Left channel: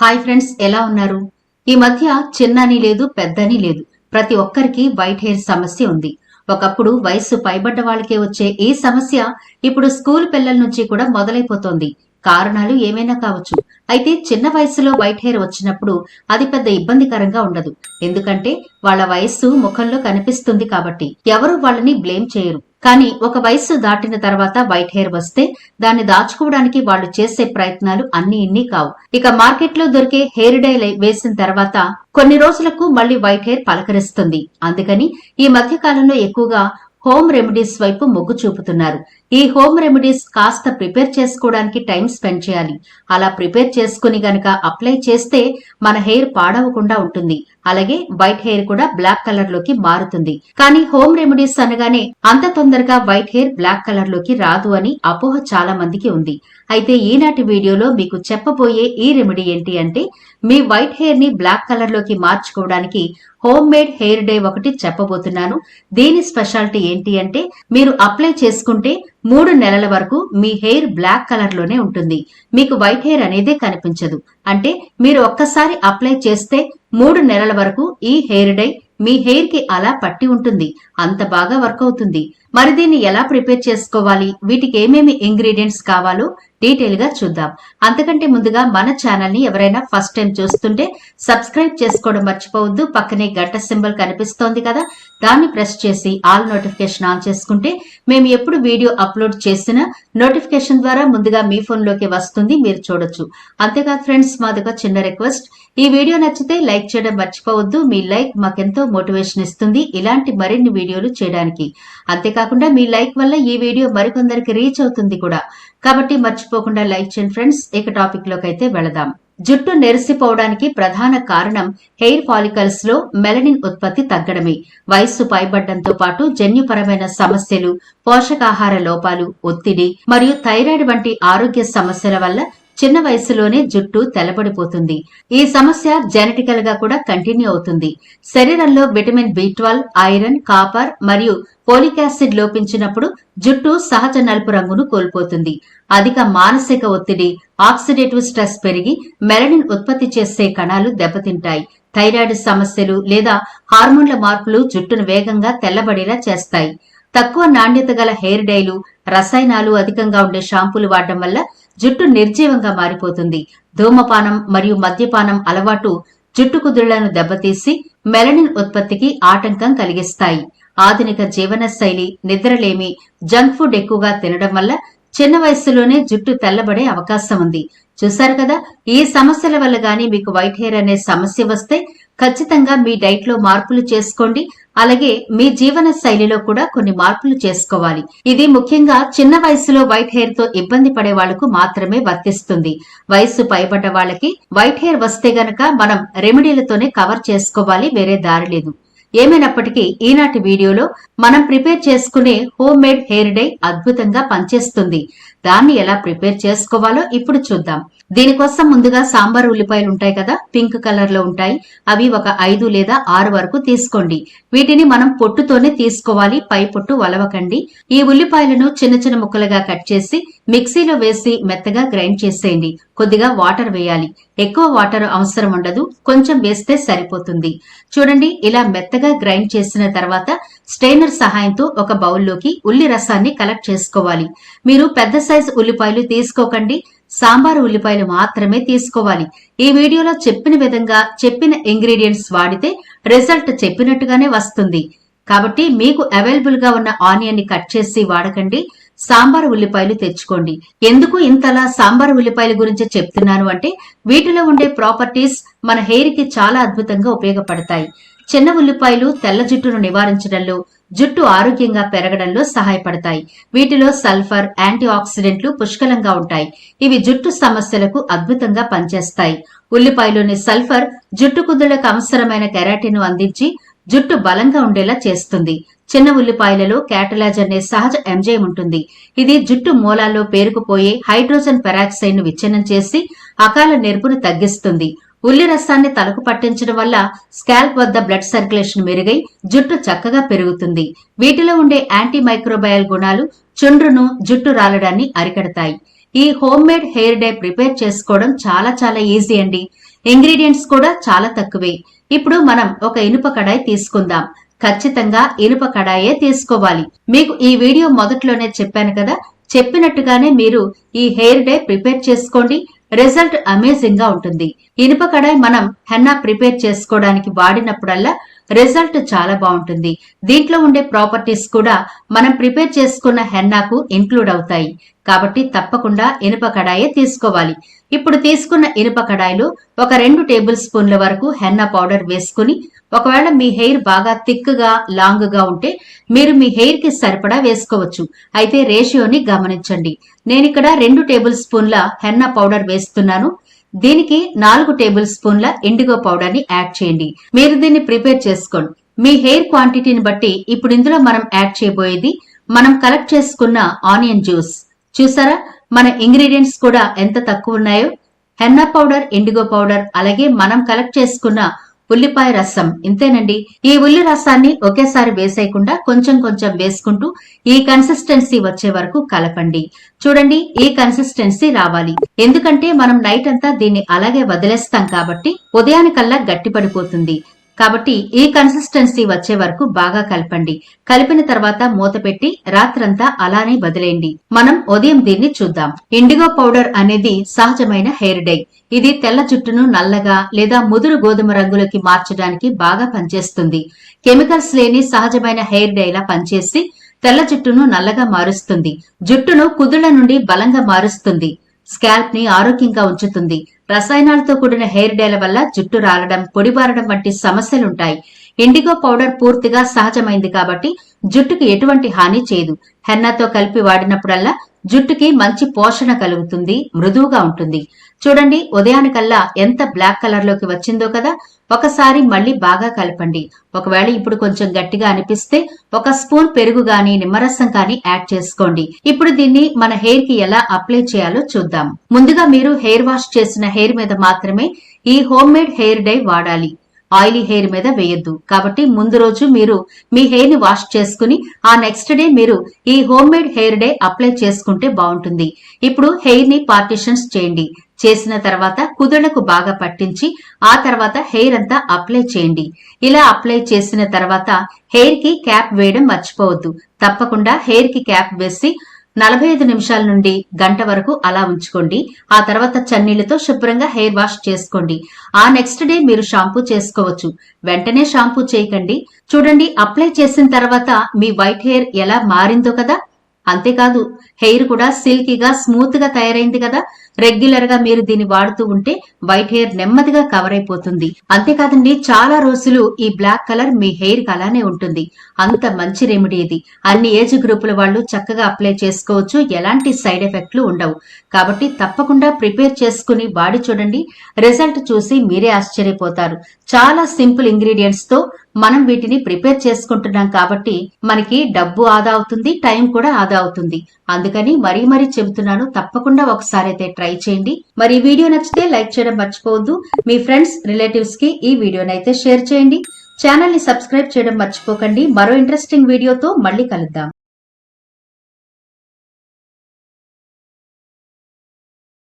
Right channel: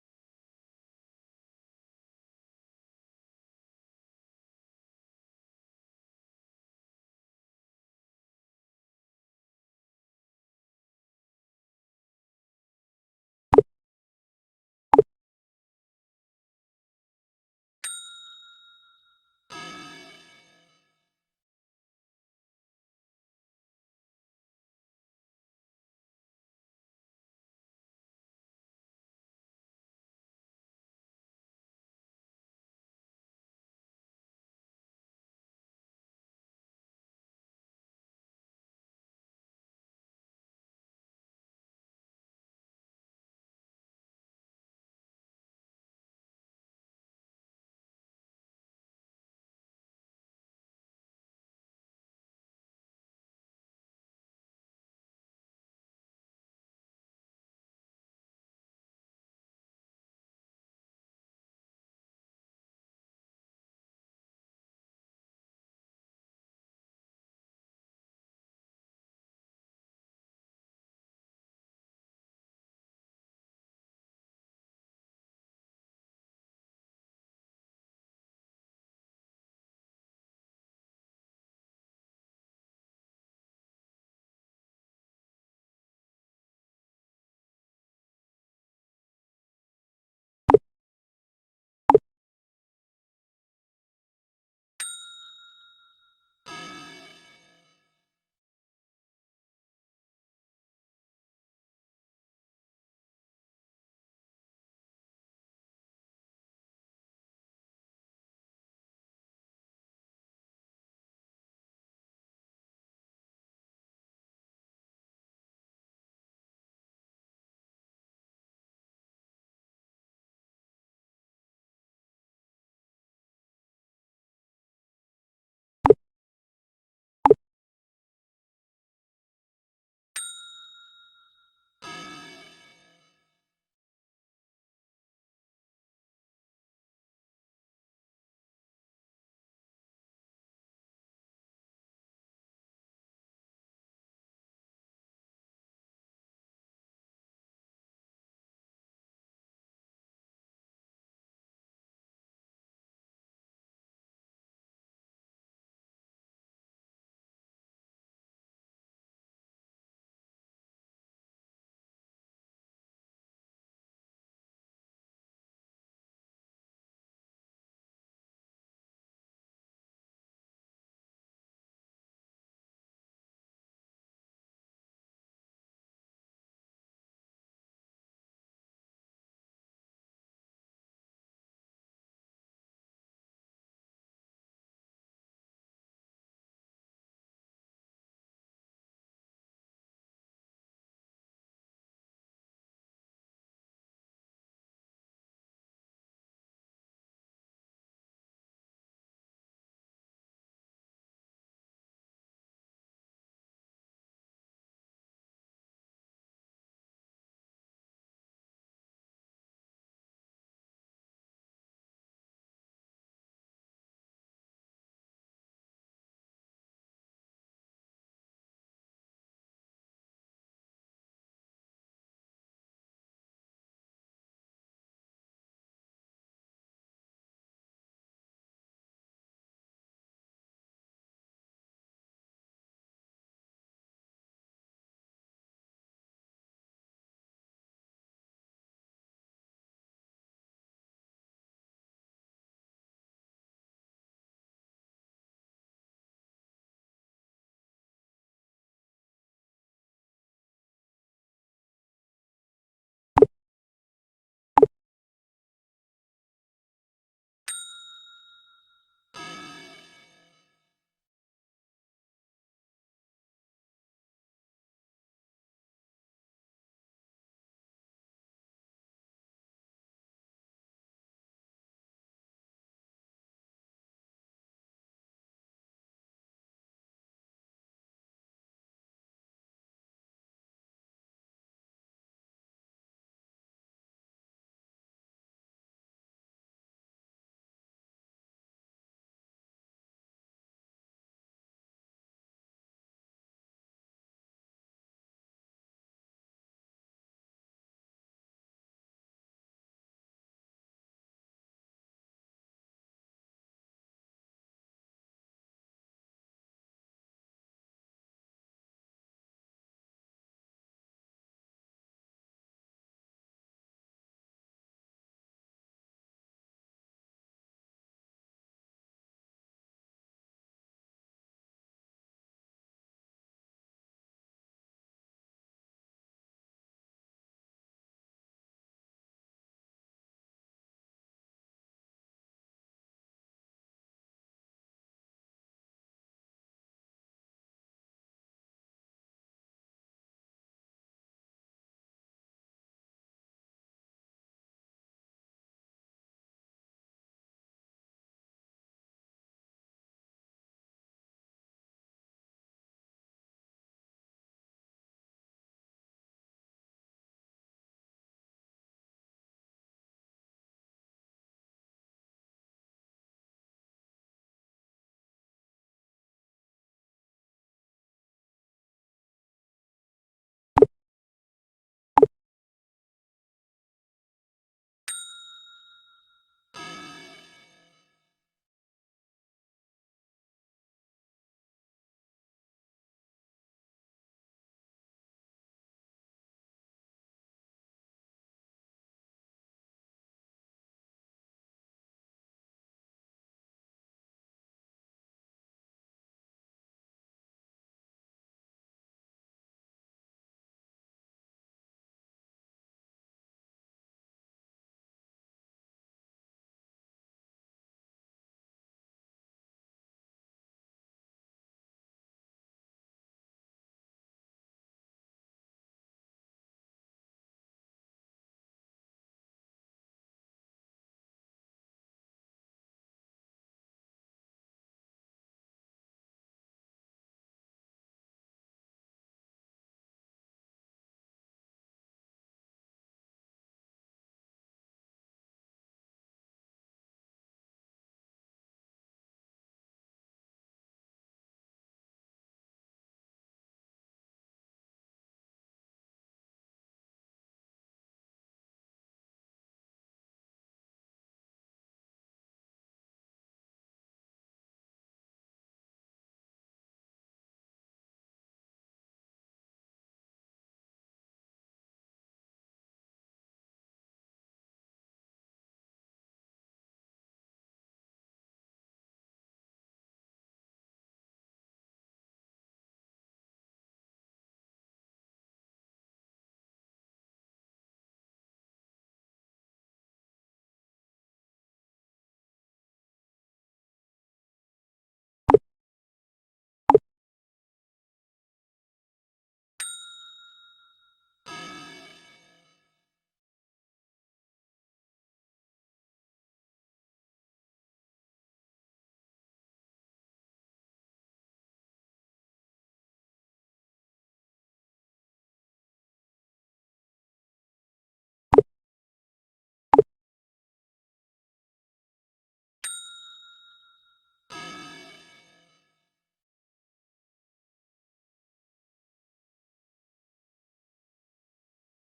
Hi friends, ఎలా ఉన్నారు? ఈ మధ్య చిన్నని లేదు పెద్దని లేదు, ప్రతి ఒక్కరికి వైట్ హెయిర్ సమస్య ఉంది. ఒకప్పుడు వయస్సు పైబడ్డ వాళ్ళకే వచ్చే ఈ సమస్య ఇప్పుడు స్కూల్ పిల్లల నుంచి కూడా మొదలైపోతోంది. కారణాలు ఏమైనా కావచ్చు. అయితే చిన్న వయసులో వైట్ హెయిర్ వచ్చినప్పుడు అది పెద్ద ఇబ్బందికరంగా ఉండదు. ఎందుకంటే వాళ్ళ వయస్సు ముఖంలో కనిపిస్తుంది కాబట్టి ఎవరు వాళ్ళని బ్లేమ్ చేయరు. కానీ ఒక వయస్సు దాటిన తర్వాత వైట్ హెయిర్ వస్తే దాన్ని దాచుకోవడానికి వాళ్ళు చేసే ప్రయత్నాలు అన్ని ఇన్ని కావు. ఇక మార్కెట్లో దొరికే హెయిర్ డై వేసిన తర్వాత కొన్ని రోజులకు మళ్లీ వైట్ హెయిర్ పలకరిస్తుంది. అందుకని ఈ మధ్య కాలంలో ఎక్కువగా హోమ్ రెమెడీస్ వైపు మొగ్గు చూపుతున్నారు. ఈ హోమ్ రెమెడీస్ కాస్త ప్రిపేర్ చేసుకోవడానికి టైం స్పెండ్ చేయాలి. అలా ప్రిపేర్ చేసుకుని గనక అప్లై చేస్తే మన హెయిర్ పాడవకుండా ఉంటుంది. అలాగే వైట్ హెయిర్ కూడా బ్లాక్ కలర్ లోకి మారుతుంది. కానీ హోమ్ రెమెడీస్ అనగానే అంత తొందరగా వైట్ హెయిర్ బ్లాక్ కలర్ లోకి రాదు అని అపోహ చాలా మందికి ఉంది. అయితే ఈనాటి వీడియోలో మీకు చెప్పబోయే ఈ రెమెడీ ఏంటి అంటే, మీ వైట్ హెయిర్ ని బ్లాక్ కలర్ లోకి మార్చుకోవడానికి హోమ్ మేడ్ హెయిర్ డే ఒకటి చెప్పబోతున్నాను. దీని స్పెషాలిటీ ఏంటి అంటే, మీరు అప్లై చేసుకుంటే 3 నెలల వరకు మీ హెయిర్ బ్లాక్ కలర్ లోనే ఉంటుంది. మీకు వైట్ హెయిర్ అనేదే కనిపించదు. అంటే మీరు ఒక్కసారి అప్లై చేస్తే 3 నెలల వరకు ఈ హెయిర్ డై మీ హెయిర్ కి అలా పట్టి ఉంటుంది. అంత బాగా వర్క్ అవుతుంది. మరి దీన్ని ఎలా ప్రిపేర్ చేసుకోవాలి, వీటికి ఏమేమి ఇంగ్రీడియంట్స్ కావాలో డీటెయిల్ గా చూద్దాం. అంతకంటే ముందుగా మన ఛానల్ ని ఎవరైనా ఫస్ట్ టైం చూస్తుంటే సబ్స్క్రైబ్ చేసుకోవడం మర్చిపోవద్దు. పక్కనే గంట సింబల్ కనిపిస్తోంది కదా, దాన్ని ప్రెస్ చేసి ఆల్ నోటిఫికేషన్ ఆన్ చేసుకుంటే మేము ఎప్పుడు వీడియో అప్లోడ్ చేసినా నోటిఫికేషన్ ద్వారా ముందుగా మీ ఫోన్ లోకి వస్తుంది, మీరు చూడొచ్చు. అంతేకాదు ఫ్రెండ్స్, మాదొక చిన్న రిక్వెస్ట్, ఈ వీడియో నచ్చితే లైక్ చేయడం మర్చిపోవద్దు. మీ లైక్ మాకెంతో మోటివేషన్ ఇస్తుంది ఇలాంటి మరిన్ని వీడియోలు చేయడానికి. అంతేకాకుండా మీ లైక్ వల్ల ఈ వీడియో మరికొందరికి రీచ్ అవుతుంది కూడా. కాబట్టి మర్చిపోకుండా లైక్ చేయండి ఫ్రెండ్స్. ఇక టాపిక్ లోకి అయితే వెళదాం. జుట్టు నెరిసిపోవడానికి ప్రధాన కారణం హెయిర్ ఫాలికల్స్ లో మెలనిన్ ఉత్పత్తి తగ్గడమే. వయస్సు పైబడ్డంతో పాటు జన్యుపరమైన సమస్యలు, పోషకాహార లోపాలు, ఒత్తిడి మరియు థైరాయిడ్ వంటి ఆరోగ్య సమస్యల వల్ల చిన్న వయసులోనే జుట్టు తెల్లబడిపోతుంది. ఈ సమస్య జెనెటికల్ గా కూడా కంటిన్యూ అవుతుంది. శరీరంలో విటమిన్ B12, ఐరన్, కాపర్ మరియు ఫోలిక్ యాసిడ్ లోపించినప్పుడు జుట్టు సహజ నలుపు రంగును కోల్పోతుంది. అధిక మానసిక ఒత్తిడి, ఆక్సిడేటివ్ స్ట్రెస్ పెరిగి మెలనిన్ ఉత్పత్తి చేసే కణాలు దెబ్బతింటాయి. థైరాయిడ్ సమస్యలు లేదా హార్మోన్ల మార్పులు జుట్టును వేగంగా తెల్లబడేలా చేస్తాయి. తక్కువ నాణ్యత గల హెయిర్ డైలు, రసాయనాలు అధికంగా ఉండే షాంపూలు వాడడం వల్ల జుట్టు నిర్జీవంగా మారిపోతుంది. ధూమపానం మరియు మద్యపానం అలవాటు జుట్టు కుదుళ్లను దెబ్బతీసి మెలనిన్ ఉత్పత్తికి ఆటంకం కలిగిస్తాయి. ఆధునిక జీవన శైలి, నిద్రలేమి, జంక్ ఫుడ్ ఎక్కువగా తినడం వల్ల చిన్న వయస్సులోనే జుట్టు తెల్లబడే అవకాశం ఉంది. చూశారు కదా, ఈ సమస్యల వల్ల గానీ మీకు వైట్ హెయిర్ అనే సమస్య వస్తే ఖచ్చితంగా మీ డైట్ లో మార్పులు చేసుకోండి. అలాగే మీ జీవన శైలిలో కూడా కొన్ని మార్పులు చేసుకోవాలి. ఇది ముఖ్యంగా చిన్న వయసులో వైట్ హెయిర్ తో ఇబ్బంది పడే వాళ్లకు మాత్రమే వర్తిస్తుంది. వయస్సు పైబడ్డ వాళ్ళకి వైట్ హెయిర్ వస్తే గనక మనం రెమెడీలతోనే కవర్ చేసుకోవాలి, వేరే దారి లేదు. ఏమైనప్పటికీ ఈనాటి వీడియోలో మనం ప్రిపేర్ చేసుకునే హోమ్ మేడ్ హెయిర్ డై అద్భుతంగా పనిచేస్తుంది. దాన్ని ఎలా ప్రిపేర్ చేసుకోవాలో ఇప్పుడు చూద్దాం. దీనికోసం ముందుగా సాంబార్ ఉల్లిపాయలు ఉంటాయి కదా, పింక్ కలర్ లో ఉంటాయి. అవి ఒక 5 లేదా 6 వరకు తీసుకోండి. వీటిని మనం పొట్టుతోనే తీసుకోవాలి, పై పొట్టు వలవకండి. ఈ ఉల్లిపాయలను చిన్న చిన్న ముక్కలుగా కట్ చేసి మిక్సీలో వేసి మెత్తగా గ్రైండ్ చేసేయండి. కొద్దిగా వాటర్ వేయాలి. ఎక్కువ వాటర్ అవసరం ఉండదు, కొంచెం వేస్తే సరిపోతుంది. చూడండి, ఇలా మెత్తగా గ్రైండ్ చేసిన తర్వాత స్ట్రైనర్ సహాయంతో ఒక బౌల్లోకి ఉల్లి రసాన్ని కలెక్ట్ చేసుకోవాలి. మీరు పెద్ద సైజు ఉల్లిపాయలు తీసుకోకండి, సాంబారు ఉల్లిపాయలు మాత్రమే తీసుకోవాలి. ఈ వీడియోలో చెప్పిన విధంగా చెప్పిన ఇంగ్రీడియంట్స్ వాడితే రిజల్ట్ చెప్పినట్టుగానే వస్తుంది. కాబట్టి మీకు అవైలబుల్ గా ఉన్న ఆనియన్ ని కట్ చేసి వాడకండి, సాంబార్ ఉల్లిపాయలు తెచ్చుకోండి. ఎందుకు ఇంతలా సాంబార్ ఉల్లిపాయల గురించి చెప్తున్నాను అంటే, వీటిలో ఉండే ప్రాపర్టీస్ మన హెయిర్ కి చాలా అద్భుతంగా ఉపయోగపడతాయి. చిన్న ఉల్లిపాయలు తెల్ల జుట్టును నివారించడంలో, జుట్టు ఆరోగ్యంగా పెరగడంలో సహాయపడతాయి. వీటిలో సల్ఫర్, యాంటీ ఆక్సిడెంట్లు పుష్కలంగా ఉంటాయి. ఇవి జుట్టు సమస్యలకు అద్భుతంగా పనిచేస్తాయి. ఉల్లిపాయలోని సల్ఫర్ జుట్టు కుదుళ్లకు అవసరమైన కెరాటిన్ ను అందించి జుట్టు బలంగా ఉండేలా చేస్తుంది. చిన్న ఉల్లిపాయలలో క్యాటలాజ్ అనే సహజ ఎంజైమ్ ఉంటుంది. ఇది జుట్టు మూలాల్లో పేరుకుపోయే హైడ్రోజన్ పెరాక్సైడ్ ను విచ్ఛిన్నం చేసి అకాల నెరుపును తగ్గిస్తుంది. ఉల్లి రసాన్ని తలకు పట్టించడం వల్ల స్కాల్ప్ వద్ద బ్లడ్ సర్క్యులేషన్ మెరుగై జుట్టు చక్కగా పెరుగుతుంది. వీటిలో ఉండే యాంటీ మైక్రోబయల్ గుణాలు చుండ్రును, జుట్టు రాలడాన్ని అరికడతాయి. ఈ home made hair dye prepare చేసుకోవడం చాలా ఈజీ అండి. ఇంగ్రీడియంట్స్ కూడా చాలా తక్కువే. ఇప్పుడు మనం ఒక ఇనుప కడాయి తీసుకుందాం. ఖచ్చితంగా ఇనుప కడాయే తీసుకోవాలి. మీకు ఈ వీడియో మొదట్లోనే చెప్పాను కదా, చెప్పినట్టుగానే మీరు ఈ హెయిర్ డై ప్రిపేర్ చేసుకోండి. రిజల్ట్ అమేజింగ్ గా ఉంటుంది. ఇనుప కడాయి మనం హెన్నా ప్రిపేర్ చేసుకోవడానికి వాడినప్పుడల్లా రిజల్ట్ చాలా బాగుంటుంది. దీంట్లో ఉండే ప్రాపర్టీస్ కూడా మనం ప్రిపేర్ చేసుకున్న హెన్నాకు ఇంక్లూడ్ అవుతాయి. కాబట్టి తప్పకుండా ఇనుప కడాయే తీసుకోవాలి. ఇప్పుడు తీసుకున్న ఇనుప కడాయిలో ఒక 2 టేబుల్ స్పూన్ల వరకు హెన్నా పౌడర్ వేసుకుని, ఒకవేళ మీ హెయిర్ బాగా థిక్ గా లాంగ్ గా ఉంటే మీరు మీ హెయిర్ కి సరిపడా వేసుకోవచ్చు. అయితే రేషియోని గమనించండి. నేనిక్కడ 2 టేబుల్ స్పూన్ల హెన్నా పౌడర్ వేస్తున్నాను. దీనికి 4 టేబుల్ స్పూన్ల ఇండిగో పౌడర్ ని యాడ్ చేయండి. మీరు దీన్ని ప్రిపేర్ చేసుకోండి. మీ హెయిర్ క్వాంటిటీని బట్టి ఇప్పుడు ఇందులో మనం యాడ్ చేయబోయేది మనం కలెక్ట్ చేసుకున్న ఆనియన్ జ్యూస్. చూసారా మన ఇంగ్రీడియంట్స్ కూడా ఎంత తక్కువ ఉన్నాయో. హెన్నా పౌడర్, ఇండిగో పౌడర్, అలాగే మనం కలెక్ట్ చేసుకున్న ఉల్లిపాయ రసం, ఇంతేనండి. ఈ ఉల్లి రసాన్ని ఒకేసారి వేసేయకుండా కొంచెం వేసుకుంటూ ఈ కన్సిస్టెన్సీ వచ్చే వరకు కలపండి. చూడండి, ఈ కన్సిస్టెన్సీ రావాలి. ఎందుకంటే మనం నైట్ అంతా దీన్ని అలాగే వదిలేస్తాం కాబట్టి ఉదయానికల్లా గట్టిపడిపోతుంది. కాబట్టి ఈ కన్సిస్టెన్సీ వచ్చే వరకు బాగా కలపండి. కలిపిన తర్వాత మూత పెట్టి రాత్రంతా అలానే వదిలేయండి. మనం ఉదయం దీన్ని చూద్దాం. ఇండిగో పౌడర్ అనేది సహజమైన హెయిర్ డై. ఇది తెల్ల జుట్టును నల్లగా లేదా ముదురు గోధుమ రంగులోకి మార్చడానికి బాగా పనిచేస్తుంది. కెమికల్స్ లేని సహజమైన హెయిర్ డైలా పనిచేసి తెల్ల జుట్టును నల్లగా మారుస్తుంది. జుట్టును కుదుళ్ల నుండి బలంగా మారుస్తుంది. స్కాల్ప్ ని ఆరోగ్యంగా ఉంచుతుంది. రసాయనాలతో కూడిన హెయిర్ డైల వల్ల జుట్టు రాలడం, పొడిబారడం వంటి సమస్యలుంటాయి. ఇండిగో పౌడర్ పూర్తిగా సహజమైంది కాబట్టి జుట్టుకి ఎటువంటి హాని చేయదు. హెన్నాతో కలిపి వాడినప్పుడల్లా జుట్టుకి మంచి పోషణ కలుగుతుంది, మృదువుగా ఉంటుంది. చూడండి, ఉదయానికల్లా ఎంత బ్లాక్ కలర్ లోకి వచ్చిందో కదా. ఒకసారి మళ్ళీ బాగా కలపండి. ఒకవేళ ఇప్పుడు కొంచెం గట్టిగా అనిపిస్తే ఒక స్పూన్ పెరుగు గాని నిమ్మరసం గాని యాడ్ చేసుకోండి. ఇప్పుడు దీన్ని మన హెయిర్ కి ఎలా అప్లై చేయాలో చూద్దాం. ముందుగా మీరు హెయిర్ వాష్ చేసిన హెయిర్ మీద మాత్రమే ఈ హోమ్ మేడ్ హెయిర్ డై వాడాలి. ఆయిలీ హెయిర్ మీద వేయొద్దు. కాబట్టి ముందు రోజు మీరు మీ హెయిర్ ని వాష్ చేసుకుని ఆ నెక్స్ట్ డే మీరు ఈ home made hair day apply చేసుకుంటే బాగుంటుంది. ఇప్పుడు హెయిర్ ని పార్టిషన్స్ చేయండి. చేసిన తర్వాత కుదుళ్లకు బాగా పట్టించి ఆ తర్వాత హెయిర్ అంతా అప్లై చేయండి. ఇలా అప్లై చేసిన తర్వాత హెయిర్ కి క్యాప్ వేయడం మర్చిపోవద్దు. తప్పకుండా హెయిర్ కి క్యాప్ వేసి 45 నిమిషాల నుండి గంట వరకు అలా ఉంచుకోండి. ఆ తర్వాత చన్నీళ్లతో శుభ్రంగా హెయిర్ వాష్ చేసుకోండి. ఆ నెక్స్ట్ డే మీరు షాంపూ చేసుకోవచ్చు. వెంటనే షాంపూ చేయకండి. చూడండి, అప్లై చేసిన తర్వాత మీ వైట్ హెయిర్ ఎలా మారిందో కదా. అంతేకాదు, హెయిర్ కూడా సిల్కీగా స్మూత్ గా తయారైంది కదా. రెగ్యులర్ గా మీరు దీన్ని వాడుతూ ఉంటే వైట్ హెయిర్ నెమ్మదిగా కవర్ అయిపోతుంది. అంతేకాదండి, చాలా రోజులు ఈ బ్లాక్ కలర్ మీ హెయిర్ కి అలానే ఉంటుంది. అంత మంచి రెమెడీ ఇది. అన్ని ఏజ్ గ్రూపుల వాళ్ళు చక్కగా అప్లై చేసుకోవచ్చు. ఎలాంటి సైడ్ ఎఫెక్ట్లు ఉండవు. కాబట్టి తప్పకుండా ప్రిపేర్ చేసుకుని వాడి చూడండి. రిజల్ట్ చూసి మీరే ఆశ్చర్యపోతారు. చాలా సింపుల్ ఇంగ్రీడియంట్స్ తో మనం వీటిని ప్రిపేర్ చేసుకుంటున్నాం కాబట్టి మనకి డబ్బు ఆదా అవుతుంది, టైం కూడా ఆదా అవుతుంది. అందుకని మరీ చెబుతున్నాను, తప్పకుండా ఒకసారి అయితే ట్రై చేయండి. మరి ఈ వీడియో నచ్చితే లైక్ చేయడం మర్చిపోవద్దు. మీ ఫ్రెండ్స్, రిలేటివ్స్ కి ఈ వీడియోని అయితే షేర్ చేయండి. ఛానల్ ని సబ్స్క్రైబ్ చేయడం మర్చిపోకండి. మరో ఇంట్రెస్టింగ్ వీడియోతో మళ్ళీ కలుద్దాం.